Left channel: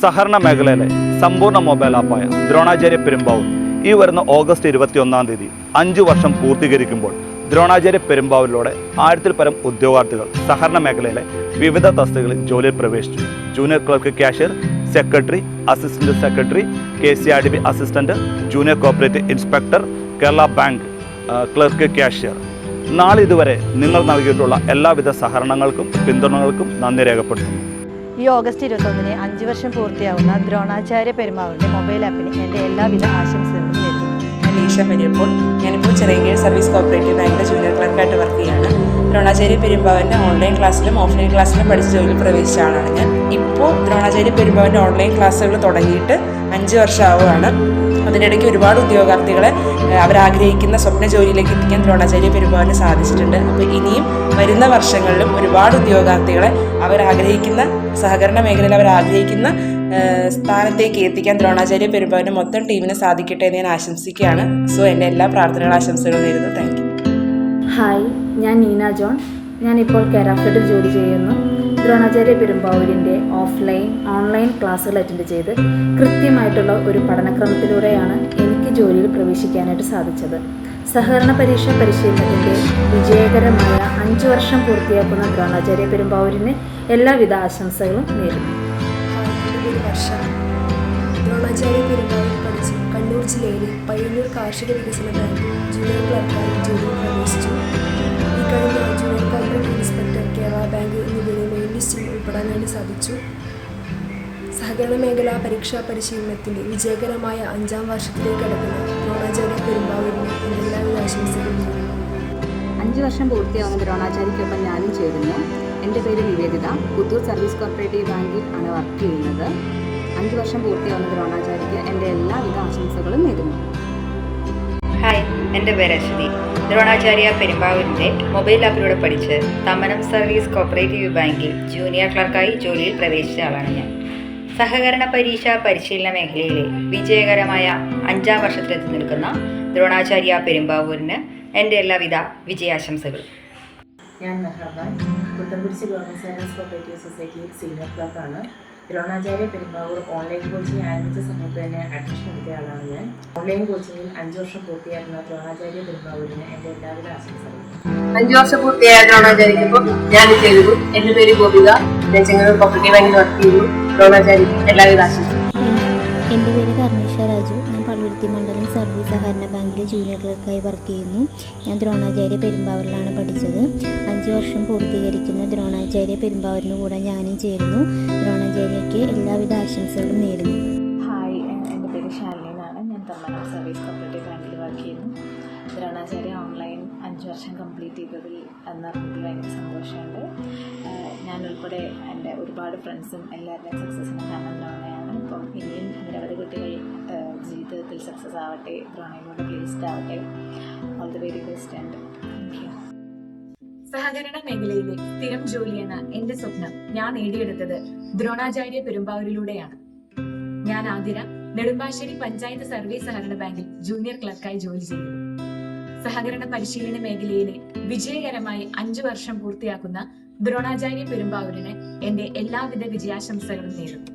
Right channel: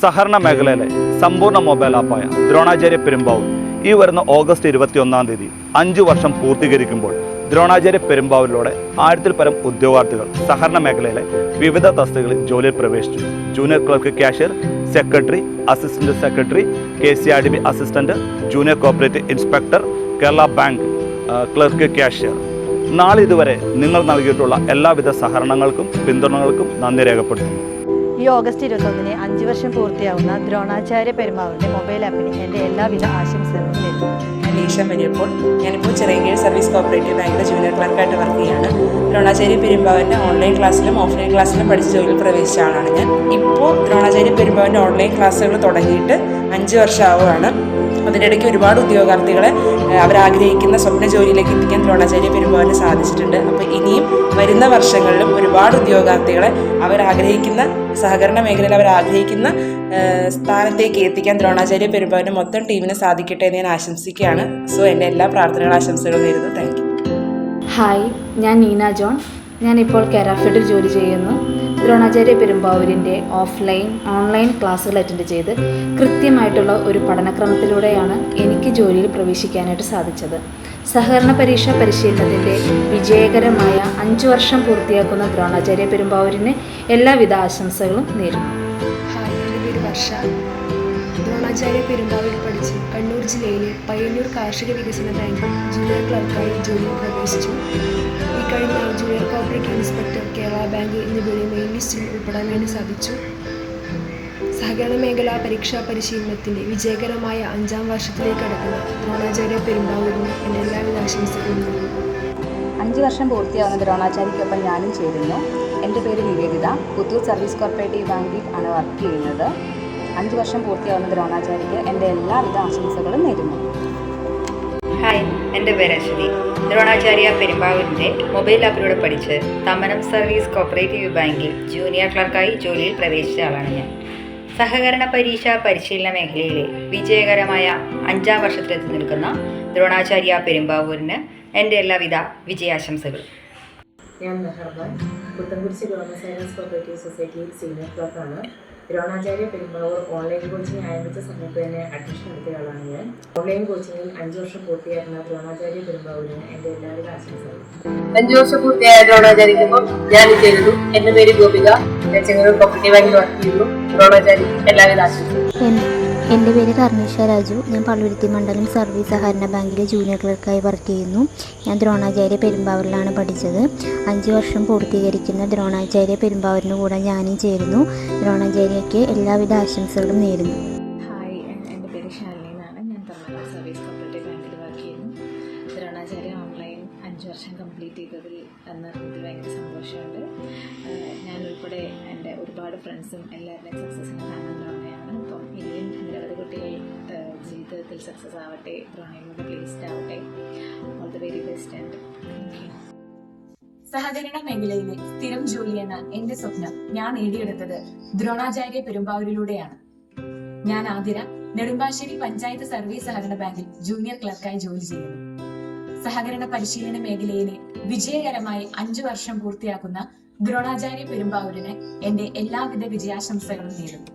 സഹകരണ മേഖലയിലെ സമ്പൂർണ മൊബൈൽ ആപ്പായ ദ്രോണാചാര്യ പെരുമ്പാവൂർ ഈ വരുന്ന ഓഗസ്റ്റ് ഇരുപത്തി ഒന്നാം തീയതി അഞ്ച് വർഷം പൂർത്തീകരിക്കുമ്പോൾ ദ്രോണാചാര്യ പെരുമ്പാവൂരിലൂടെ ആയിരത്തിൽ പരം ഉദ്യോഗാർത്ഥികൾ സഹകരണ മേഖലയിലെ വിവിധ തസ്തികളിൽ ജോലിയിൽ പ്രവേശിച്ചു. Junior clerk cashier secretary assistant secretary K C R D B assistant junior cooperative inspector Kerala bank clerk cashier നാളെ ഇതുവരെ നിങ്ങൾ നൽകിയിട്ടുള്ള എല്ലാവിധ സഹകരണങ്ങൾക്കും പിന്തുണകൾക്കും നന്ദി രേഖപ്പെടുത്തുന്നു. ഈ ഓഗസ്റ്റ് ഇരുപത്തൊന്നിന് അഞ്ച് വർഷം പൂർത്തിയാവുന്ന ദ്രോണാചാര്യ പെരുമാവിന്റെ മൊബൈൽ ആപ്പിന് എന്റെ എല്ലാവിധ ആശംസകളും നേരുന്നു. ഞാൻ ഈശ മരിയപ്പോൾ ഞാനിപ്പോൾ ചിറയൻകീഴ് സർവീസ് കോപ്പറേറ്റീവ് ബാങ്കിലെ ജൂനിയർ ക്ലർക്കായിട്ട് വർക്ക് ചെയ്യാണ്. ദ്രോണാചാര്യ പെരുമ്പാവന്റെ ഓൺലൈൻ ക്ലാസ്സിലും ഓഫ്ലൈൻ ക്ലാസ്സിലും പഠിച്ച് ജോലിയിൽ പ്രവേശിച്ച ആളാണ് ഞാൻ. ഇപ്പോൾ ദ്രോണാചാര്യ പെരുമ്പാവന്റെ ഓൺലൈൻ ക്ലാസ്സുകൾ തുടങ്ങിയിട്ട് അഞ്ച് വർഷമാവുകയാണ്. അതിനിടയ്ക്ക് ഒരുപാട് ഉദ്യോഗാർത്ഥികളെ അവരാഗ്രഹിക്കുന്ന സ്വപ്ന ജോലിയിലേക്ക് എത്തിക്കാൻ ദ്രോണാചാര്യ പെരുമാറിന് സാധിച്ചിട്ടുണ്ട്. അപ്പോൾ ഇനിയും വരുന്ന വർഷങ്ങളിലും ഒരുപാട് ഉദ്യോഗാർത്ഥികളെ അവരാഗ്രഹിക്കുന്ന സഹകരണ മേഖലയിൽ അവരാഗ്രഹിക്കുന്ന ആഗ്രഹിക്കുന്ന സ്ഥാനത്തേക്ക് എത്തിക്കാൻ ദ്രോണാചാര്യ പെരുമ്പാവിന് മൊത്തം ടീമിന് സാധിക്കട്ടെ എന്ന് ഞാൻ ആശംസിക്കുകയാണ്. സോ എന്റെ എല്ലാ പ്രാർത്ഥനകളും ആശംസകളും നേരുന്നു. താങ്ക് ഹായ് ഞാൻ നീന ജോൺ. ഞാൻ ഞാനിപ്പോൾ കെരാഫിഡിൽ ജോലി ചെയ്യുന്നു. ദ്രോണാചാര്യ പെരുമ്പാവൂരിന്റെ ഓഫ്ലൈൻ ഓൺലൈൻ ക്ലാസ്സുകൾ അറ്റൻഡ് ചെയ്ത് കൃത്യമായിട്ടുള്ള ഒരു പഠനക്രമത്തിലൂടെയാണ് എനിക്ക് ജോലിയിൽ പ്രവേശിക്കാനായിട്ട് സാധിച്ചത്. സഹകരണ പരീക്ഷാ പരിശീലനത്തിന്റെ വിജയകരമായ അഞ്ച് വർഷം പൂർത്തിയാക്കുന്ന ദ്രോണാചാര്യ പെരുമ്പാവൂരിന് എല്ലാവിധ ആശംസകളും നേരുന്നു. വർഷ ദ്രോണാചാര്യ പെരുമ്പാവൂർ പഠിച്ച്. കണ്ണൂർ ജില്ലയിലെ പയ്യന്നൂർ കാർഷിക വികസന ബാങ്കിൽ ജൂനിയർ ക്ലർക്കായി ജോലിയിൽ പ്രവേശിച്ചു ഇക്കഴിഞ്ഞ കഴിഞ്ഞ junior corporate inspector Kerala bank എന്നിവയുടെ ലിസ്റ്റിൽ ഉൾപ്പെടാനായിട്ട് സാധിച്ചു. സഹകരണ മേഖലാ പരീക്ഷാ പരിശീലനത്തിന്റെ വിജയകരമായ അഞ്ചാം വർഷത്തിലേക്ക് കടക്കുന്ന ദ്രോണാചാര്യ പെരുമ്പാവൂരിന് എന്റെ എല്ലാവിധ ആശംസകളും. അഞ്ച് വർഷം പൂർത്തിയാവുന്ന ദ്രോണാചാര്യക്കൊപ്പം ഞാനും ചേരുന്നു. എന്റെ പേര് നിവേദിത പുത്തൂർ സർവീസ് കോർപ്പറേറ്റീവ് ബാങ്കിൽ ആണ് വർക്ക് ചെയ്യുന്നത്. അഞ്ച് വർഷം പൂർത്തിയാവുന്ന ദ്രോണാചാര്യക്ക് എന്റെ എല്ലാവിധ ആശംസകളും നേരുന്നു. ഹായ് എന്റെ പേര് അശ്വതി. ദ്രോണാചാര്യ പെരുമ്പാവൂരിന്റെ മൊബൈൽ ആപ്പിലൂടെ പഠിച്ച് തമനം സർവീസ് കോപ്പറേറ്റീവ് ബാങ്കിൽ ജൂനിയർ ക്ലർക്കായി ജോലിയിൽ പ്രവേശിച്ച ആളാണ് ഞാൻ. സഹകരണ പരീക്ഷ പരിശീലന മേഖലയിലെ വിജയകരമായ അഞ്ചാം വർഷത്തിലെത്തി നിൽക്കുന്ന ദ്രോണാചാര്യ പെരുമ്പാവൂരിന് എന്റെ എല്ലാവിധ വിജയാശംസകളും. ഞാൻ മെഹർബാൻ സൊസൈറ്റിയിൽ സീനിയർ ക്ലർക്കാണ്. ദ്രോണാചാര്യ പെരുമ്പാവൂർ ഓൺലൈൻ കോച്ചിങ് ആരംഭിച്ച സമയത്ത് തന്നെ അഡ്മിഷൻ എടുത്ത ആളാണ് ഞാൻ. ഓൺലൈൻ കോച്ചിങ്ങിൽ അഞ്ച് വർഷം പൂർത്തിയാക്കുന്ന ദ്രോണാചാര്യ പെരുമ്പാവൂരിന് എന്റെ എല്ലാവരും ആശംസകൾ അഞ്ചു വർഷം പൂർത്തിയായ ദ്രോണാചാര്യ ഞാൻ ചെയ്തു. എന്റെ പേര് ഗോപിക. ഞാൻ ചെങ്ങന്നൂർ കോപ്പറേറ്റീവ് ബാങ്കിൽ വർക്ക് ചെയ്യുന്നു. ദ്രോണാചാര്യക്ക് എല്ലാവരും ആശംസകളും. എൻ- എന്റെ പേര് കർണിഷ രാജു. ഞാൻ പള്ളുരുത്തി മണ്ഡലം സർവീസ് സഹകരണ ബാങ്കിലെ ജൂനിയർ ക്ലർക്കായി വർക്ക് ചെയ്യുന്നു. ഞാൻ ദ്രോണാചാര്യ പെരുമ്പാവൂരിലാണ് പഠിച്ചത്. അഞ്ച് വർഷം പൂർത്തീകരിക്കുന്ന ദ്രോണാചാര്യ പെരുമ്പാവൂരിന് കൂടെ ഞാനും ചേരുന്നു. ദ്രോണാചാര്യയ്ക്ക് എല്ലാവിധ ആശംസകളും നേരുന്നു. ഹായ് എന്റെ പേര് ഷാലിനി എന്നാണ് ഞാൻ തമിഴ്നാട് സർവീസ് കോപ്പറേറ്റീവ് ബാങ്കിൽ വർക്ക് ചെയ്യുന്നു. ദ്രോണാചാര്യ ഓൺലൈൻ അഞ്ച് വർഷം കംപ്ലീറ്റ് ചെയ്തതിൽ എന്നറിഞ്ഞതിൽ ഭയങ്കര സന്തോഷമുണ്ട്. ഉൾപ്പെടെ എന്റെ ഒരുപാട് ഫ്രണ്ട്സും എല്ലാവരുടെയും സക്സസ്സിന് കാരണം അപ്പം ഇനിയും നിരവധി കുട്ടികൾ ജീവിതത്തിൽ സക്സസ് ആവട്ടെ ദ്രോണയിലൂടെ പ്ലേസ്ഡ് ആവട്ടെ. All the very best and thank you സഹകരണ മേഖലയിലെ സ്ഥിരം ജോലിയെന്ന എന്റെ സ്വപ്നം ഞാൻ നേടിയെടുത്തത് ദ്രോണാചാര്യ പെരുമ്പാവൂരിലൂടെയാണ്. ഞാൻ ആതിര നെടുമ്പാശ്ശേരി പഞ്ചായത്ത് സർവീസ് സഹകരണ ബാങ്കിൽ ജൂനിയർ ക്ലർക്കായി ജോലി ചെയ്യുന്നു. സഹകരണ പരിശീലന മേഖലയിലെ വിജയകരമായി അഞ്ചു വർഷം പൂർത്തിയാക്കുന്ന ദ്രോണാചാര്യ പെരുമ്പാവൂരിന് എന്റെ എല്ലാവിധ വിജയാശംസകളും നേരുന്നു.